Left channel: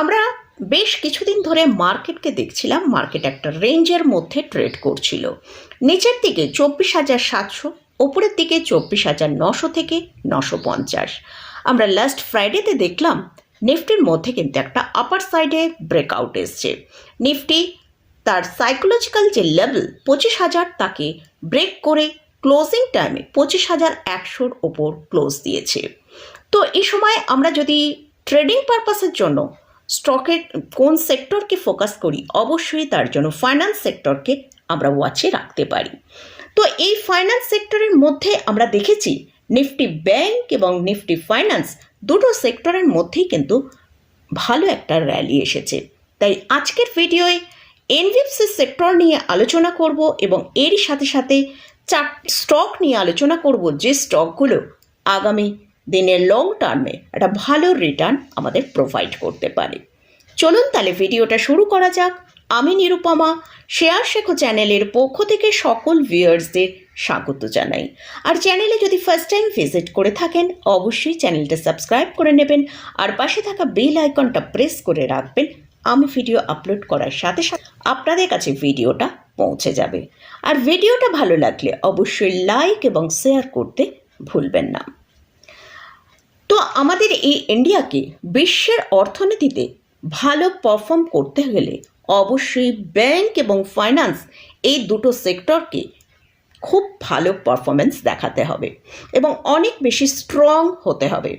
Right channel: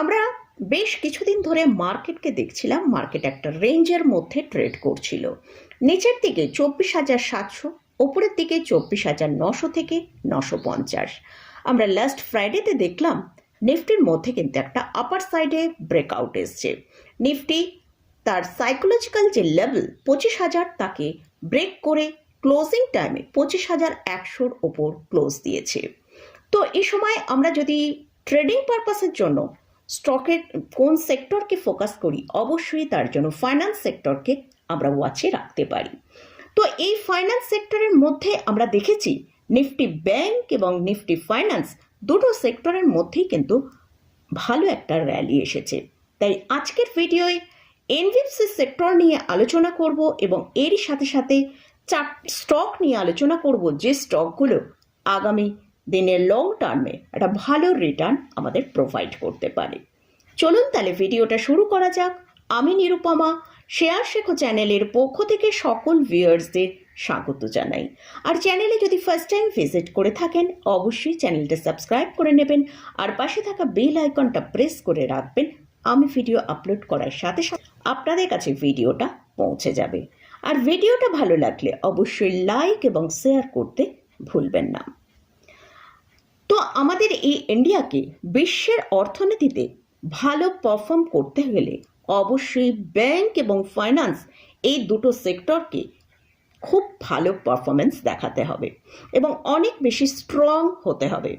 আমরা বেশ কিছুদিন ধরে মার্কেটকে দেখছিলাম, মার্কেট একটা রেঞ্জের মধ্যে ট্রেড করছিল। নিচের দিকে চব্বিশ হাজার সাতশো, ওপরের দিকে চব্বিশ হাজার নশো থেকে নশো পঞ্চাশ। আমরা লাস্ট ফ্রাইডেতে দেখলাম, নিফটির মধ্যে কিন্তু একটা আপার সাইডে ব্রেকআউট এসছে। নিফটি তার সাইকোলজিক্যাল যে লেভেল পঁচিশ হাজার তাকে ব্রেক করে ক্লোজিং টাইমে পঁচিশ হাজার একশোর ওপর ক্লোজ দিয়েছে। তো এই সময় আমরা যদি ট্রেডিং পারপাসের জন্য স্টকের কোন সেক্টরকে ফোকাস করি? অবশ্যই তার জন্য ফাইন্যান্স সেক্টরকে আমরা ওয়াচে রাখতে পারি। তো এই ফাইন্যান্স সেক্টরের মধ্যে আমরা দেখেছি নিফটি ব্যাংক এবং নিফটি ফাইন্যান্স দুটো সেক্টরের মধ্যেই কিন্তু ভালো একটা র্যালি এসেছে। তাই আজকের ভিডিওয়ে এনভিএফসি সেক্টর নিয়ে আলোচনা করব এবং এরই সাথে সাথে চার স্টক নিয়ে আলোচনা করব যে স্টকগুলো আগামী দিনের লং টার্মে একটা ভালো রিটার্ন আমাদের প্রোভাইড করতে পারে। চলুন তাহলে ভিডিওটা শুরু করা যাক। আমি নিরুপমা, শেয়ার শেখো চ্যানেলের পক্ষ থেকে সকল ভিউয়ার্সদের স্বাগত জানাই। আর চ্যানেলে যদি ফার্স্ট টাইম ভিজিট করে থাকেন, অবশ্যই চ্যানেলটা সাবস্ক্রাইব করে নেবেন। আর পাশে থাকা বেল আইকনটা প্রেস করে রাখবেন। আমি ভিডিও আপলোড করার সাথে সাথে আপনাদের কাছে ভিডিওটা পৌঁছে যাবে। আর ভিডিওটা ভালো লাগলে অবশ্যই লাইক এবং শেয়ার করতে ভুলবেন না। আমাদের এই ইন্ডিয়াকে বিশ্বের অর্থনীতিতে ভালো পারফর্ম করতে গেলে অবশ্যই ব্যাংক এবং ফাইন্যান্স এই দুটো সেক্টরকে খুব ভালো পারফরমেন্স দেখাতে হবে এবং অনেক বেশি স্ট্রং হতে হবে।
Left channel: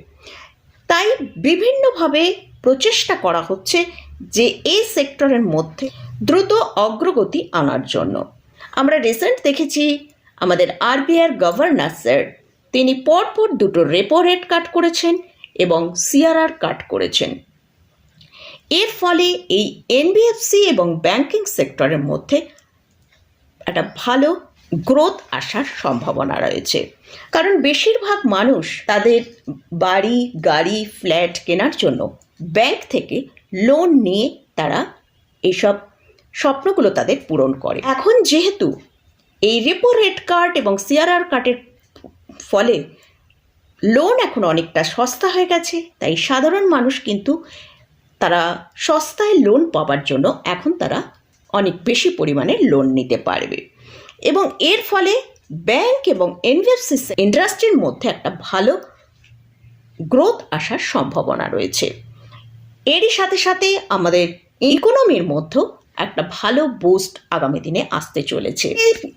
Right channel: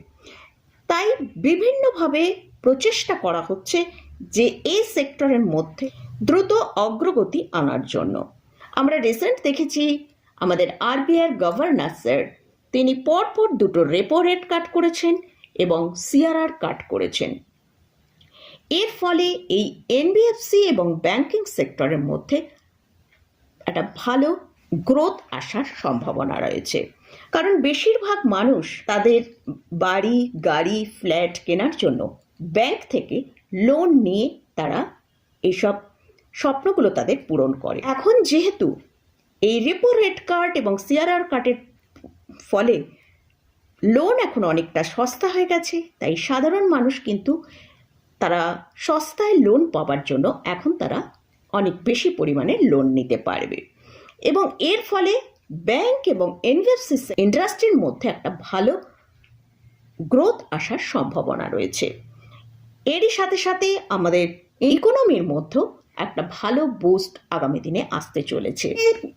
তাই বিভিন্নভাবে প্রচেষ্টা করা হচ্ছে যে এই সেক্টরের মধ্যে দ্রুত অগ্রগতি আনার জন্য। আমরা রিসেন্ট দেখেছি আমাদের আরবিআর গভর্নর স্যার তিনি পরপর দুটো রেপো রেট কাট করেছেন এবং সিআরআর কাট করেছেন। এর ফলে এই এনবিএফসি এবং ব্যাংকিং সেক্টরের মধ্যে একটা ভালো গ্রোথ আসার সম্ভাবনা রয়েছে। কারণ বেশিরভাগ মানুষ তাদের বাড়ি, গাড়ি ফ্ল্যাট কেনার জন্য ব্যাংক থেকে লোন নিয়ে তারা এইসব স্বপ্নগুলো তাদের পূরণ করে। এখন যেহেতু এই রেপো রেট কার্ড এবং সিআরআর কার্ডের ফলে লোন এখন অনেকটা সস্তা হয়ে গেছে। তাই সাধারণ মানুষ কিন্তু তারা সস্তায় লোন পাওয়ার জন্য এখন তারা অনেক বেশি পরিমাণে লোন নিতে পারবে। এবং এর ফলে ব্যাংক এবং এনবিএফসি ইন্ডাস্ট্রির মধ্যে একটা ভালো গ্রোথ আসার সম্ভাবনা রয়েছে। এরই সাথে সাথে আমাদের ইকোনমির মধ্যেও একটা ভালো বুস্ট আগামী দিনে আসতে চলেছে।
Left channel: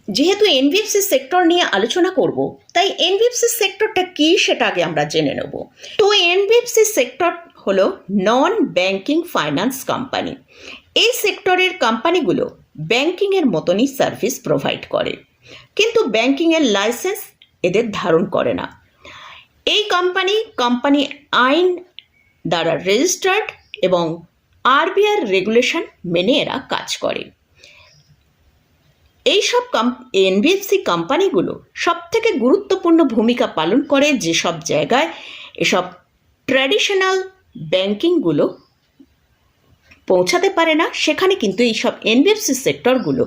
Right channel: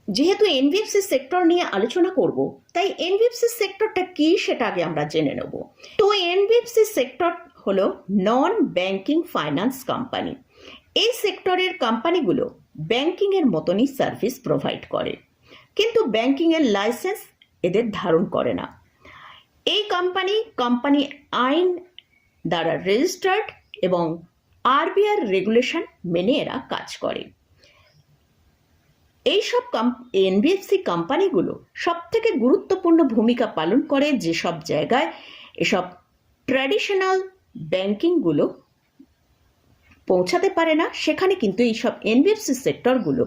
যেহেতু এনবিএফসি সেক্টর নিয়ে আলোচনা করব, তাই এনবিএফসি সেক্টরটা কী সেটা আগে আমরা জেনে নেব। তো এনবিএফসি সেক্টর হলো নন ব্যাংকিং ফাইন্যান্স কোম্পানি এই সেক্টরের কোম্পানিগুলো ব্যাংকিংয়ের মতনই সার্ভিস প্রোভাইড করে। কিন্তু ব্যাংকিংয়ের লাইসেন্স এদের ধারণ করে না। এই কোম্পানি কোম্পানি আইন দ্বারা রেজিস্টার্ড এবং আরবিআর রেগুলেশন মেনে এরা কাজ করে। এইসব এনবিএফসি কোম্পানিগুলো সব থেকে গুরুত্বপূর্ণ ভূমিকা পালন করে যেসব জায়গায় এসব ট্র্যাডিশনাল ব্যাংকিংগুলো পৌঁছাতে পারে না, সেখানে কিন্তু এইসব এনবিএফসি সেক্টরগুলো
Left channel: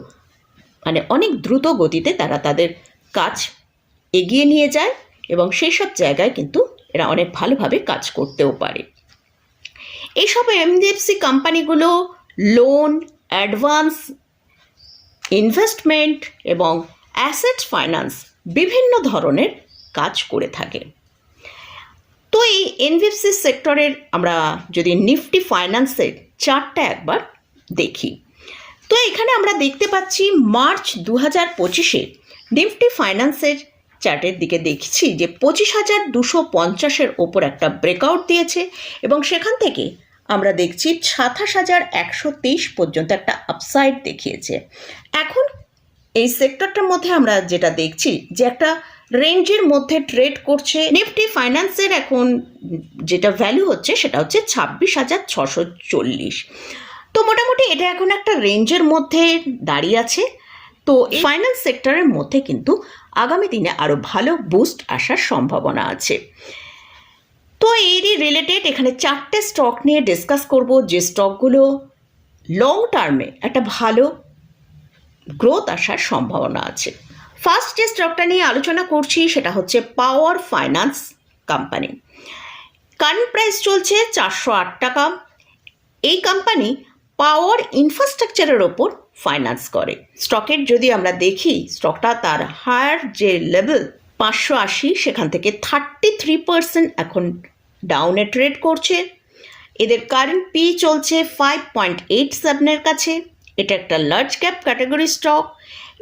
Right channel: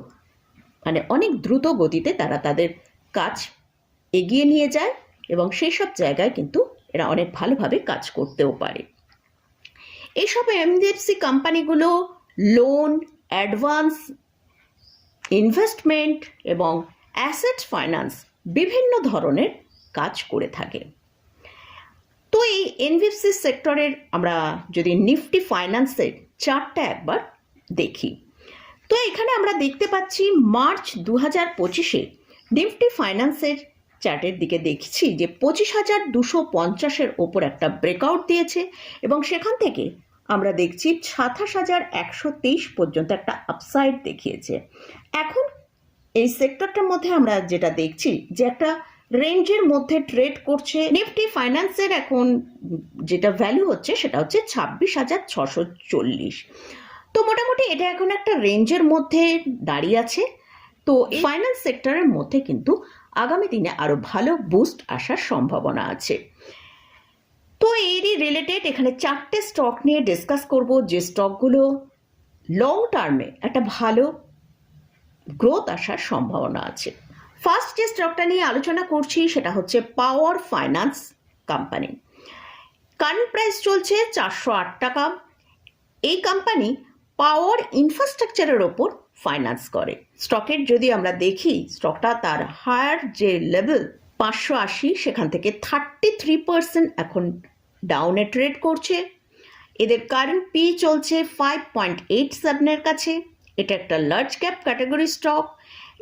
মানে অনেক দ্রুত গতিতে তারা তাদের কাজ এগিয়ে নিয়ে যায় এবং সেই সব জায়গায় কিন্তু এরা অনেক ভালোভাবে কাজ করতেও পারে। এইসব এমডিএফসি কোম্পানিগুলো লোন অ্যাডভান্স ইনভেস্টমেন্ট এবং অ্যাসেট ফাইন্যান্স বিভিন্ন ধরনের কাজ করে থাকে। তো এই এনবিএফসি সেক্টরের আমরা যদি নিফটি ফাইন্যান্সের চারটা একবার দেখি। তো এখানে আমরা দেখতে পাচ্ছি মার্চ দু হাজার পঁচিশে নিফটি ফাইন্যান্সের চার্টের দিকে দেখছি যে পঁচিশ হাজার দুশো পঞ্চাশের ওপর একটা ব্রেকআউট দিয়েছে এবং সেখান থেকে আমরা দেখছি সাতাশ হাজার একশো তেইশ পর্যন্ত একটা আপসাইড দেখিয়েছে। এখন এই সেক্টরটার মধ্যে আমরা যেটা দেখছি যে একটা রেঞ্জের মধ্যে ট্রেড করছে। নিফটি ফাইন্যান্সের এখন যেটা ভ্যালু হচ্ছে সেটা হচ্ছে ছাব্বিশ হাজার ছশো চল্লিশ। তো মোটামুটি এটা এখন একটা রেঞ্জের মধ্যে দাঁড়িয়ে আছে। তো ফাইন্যান্স সেক্টরের মধ্যে কিন্তু আগামী দিনে আরও ভালো বুস্ট আসার সম্ভাবনা আছে। তো এরই রিলেটেড এখানে চারটে স্টক নিয়ে ডিসকাস করব। যে স্টকগুলো লং টার্মে একটা ভালো গ্রোথ আসার সম্ভাবনা আছে। ফার্স্ট যে স্টকটা নিয়ে আলোচনা করছি সেটা হচ্ছে power finance company current price চলছে চারশো আট টাকা। এই কোম্পানি পাওয়ার ইনফ্রাস্ট্রাকচারের ওপর ফাইন্যান্স করে। স্টকের যদি আমরা দেখি স্টকটা তার হায়ার যে লেভেল পাঁচশো আশি, সেখান থেকে থার্টি থ্রি পার্সেন্ট এখন ডাউনে ট্রেড করছে। এদের কারেন্ট পি চলছে ফাইভ পয়েন্ট এইট সেভেনের কাছে। এটা একটা লার্জ ক্যাপ ক্যাটাগরি স্টক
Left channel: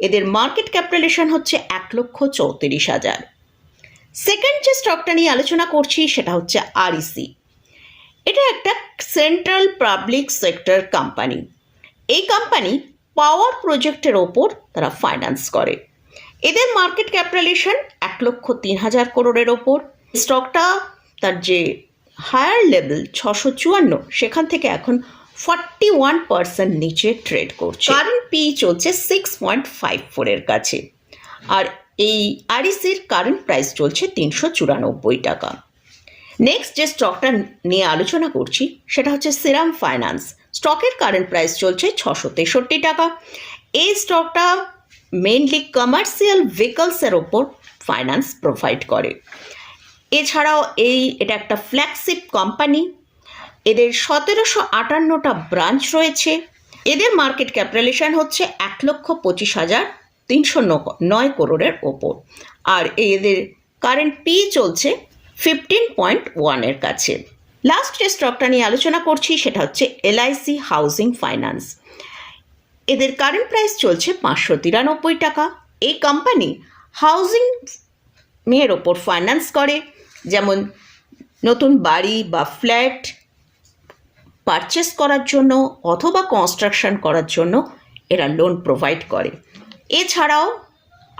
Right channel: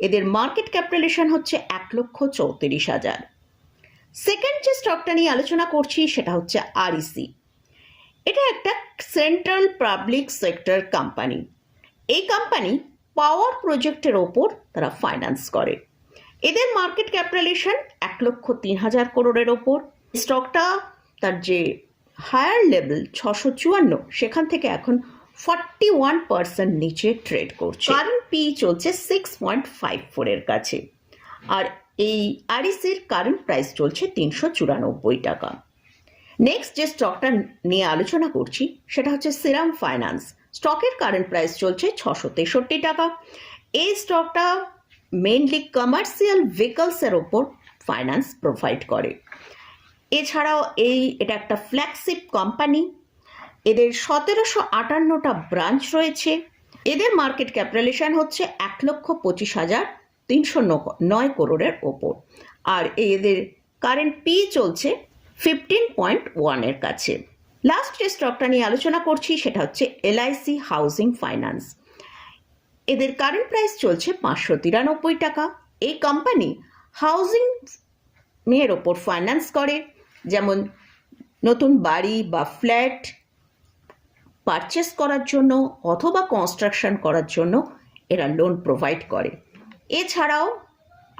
এদের মার্কেট ক্যাপিটালেশন হচ্ছে এক লক্ষ চৌত্রিশ হাজার। সেকেন্ড যে স্টকটা নিয়ে আলোচনা করছি, সেটা হচ্ছে আরইসি এটা একটা সেন্ট্রাল পাবলিক সেক্টর কোম্পানি এই কোম্পানি পাওয়ার প্রজেক্টের ওপর তারা ফাইন্যান্স করে। এদের মার্কেট ক্যাপিটালেশন এক লক্ষ তিন হাজার করোড়ের ওপর। স্টকটা তার যে হায়ার লেভেল ছশো চুয়ান্ন, সেখান থেকে এখন ফর্টি ওয়ান পার্সেন্ট নিচে ট্রেড করছে। কারেন্ট পি চলছে সিক্স পয়েন্ট ফাইভ ফোরের কাছে। আর এই আরইসির কারেন্ট প্রাইস চলছে তিনশো চুরানব্বই টাকা। নেক্সট যে স্টকটা নিয়ে আলোচনা করছি, সেটা হচ্ছে সিরাম ফাইন্যান্স স্টকের কারেন্ট প্রাইস চলছে ছশো তেষট্টি টাকা। এই স্টকটা মেনলি কমার্শিয়াল ভেহিকলসের ওপর ফাইন্যান্স প্রোভাইড করে। এছাড়াও এই, এটা একটা ফ্ল্যাগশিপ কোম্পানি এদের সতেরোশো আটান্নটা ব্রাঞ্চ রয়েছে। এদের মার্কেট ক্যাপিটালেশন হচ্ছে এক লক্ষ পঁচিশ হাজার তিনশো নয় করোড়ের ওপর। আর এদের কারেন্ট পি চলছে ফিফটিন পয়েন্ট ওয়ানের কাছে। লাস্ট যে স্টকটা নিয়ে আলোচনা করছি, সেটা হচ্ছে এলআইসি হাউজিং ফাইন্যান্স এদের কারেন্ট প্রাইস চলছে পাঁচশো তিরানব্বই টাকা। এই কোম্পানি হাউজিং এর ওপর ফাইন্যান্স করে। যেমন নতুন বাড়ি বা ফ্ল্যাট পারচেস করার জন্য অথবা কনস্ট্রাকশন করার জন্য এরা লোন প্রোভাইড করে। এছাড়াও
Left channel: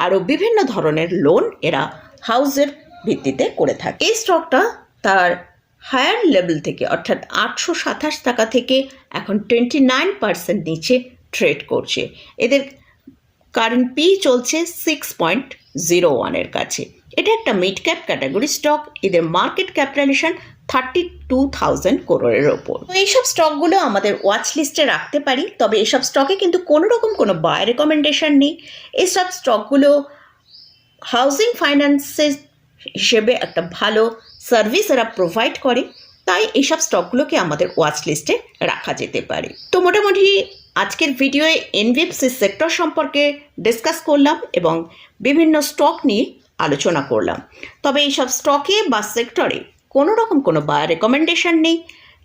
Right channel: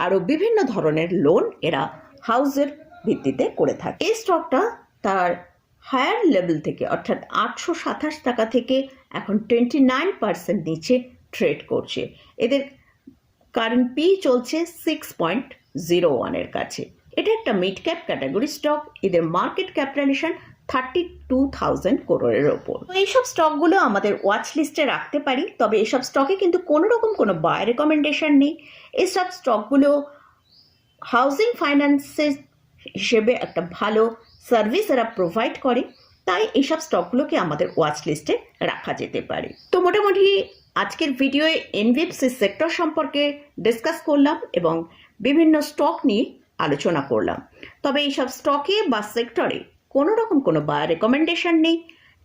আরও বিভিন্ন ধরনের লোন এরা হাউসের ভিত্তিতে করে থাকে। এই স্টকটা তার হায়ার লেভেল থেকে, অর্থাৎ আটশো সাতাশ টাকা থেকে এখন টোয়েন্টি নাইন পার্সেন্ট নিচে ট্রেড করছে। এদের কারেন্ট পি চলছে সিক্স পয়েন্ট জিরো ওয়ানের কাছে। এটা একটা মিড ক্যাপ ক্যাটাগরি স্টক এদের market capitalisation thirty two thousand করোড়ের ওপর। তো এইসব স্টকগুলো আমাদের ওয়াচ লিস্টে রাখতে পারি, তবে এসব স্টকে কিন্তু কোনো রকম কোনো বাই রেকমেন্ডেশন নেই। এইসব স্টকগুলো হাউজিং ফাইন্যান্সের হিসেবে একটা ভালো সার্ভিস এরা প্রোভাইড করে, তাই এইসব স্টকগুলোকে আমাদের ওয়াচ লিস্টে রাখা যেতে পারে। তো মোটামুটি আজকের ভিডিওয়ে এনবিএফসি সেক্টর সম্পর্কে ডিসকাস করলাম এবং বিভিন্ন স্টক নিয়ে আলোচনা করলাম। তবে এইসব স্টকে বা সেক্টরে কোনো রকম কোনো বাই রেকমেন্ডেশন নেই।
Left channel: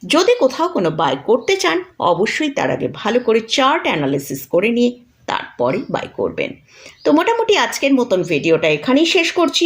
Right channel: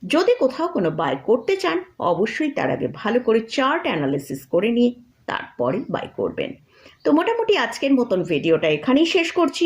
যদি কোথাও কোনো বাই করতে চান, অবশ্যই তার আগে ভালো করে চার্ট অ্যানালিসিস করে নিয়ে তারপরে বাই করবেন। তো মোটামুটি আজকের মতন ভিডিওটা এখানেই শেষ করছি।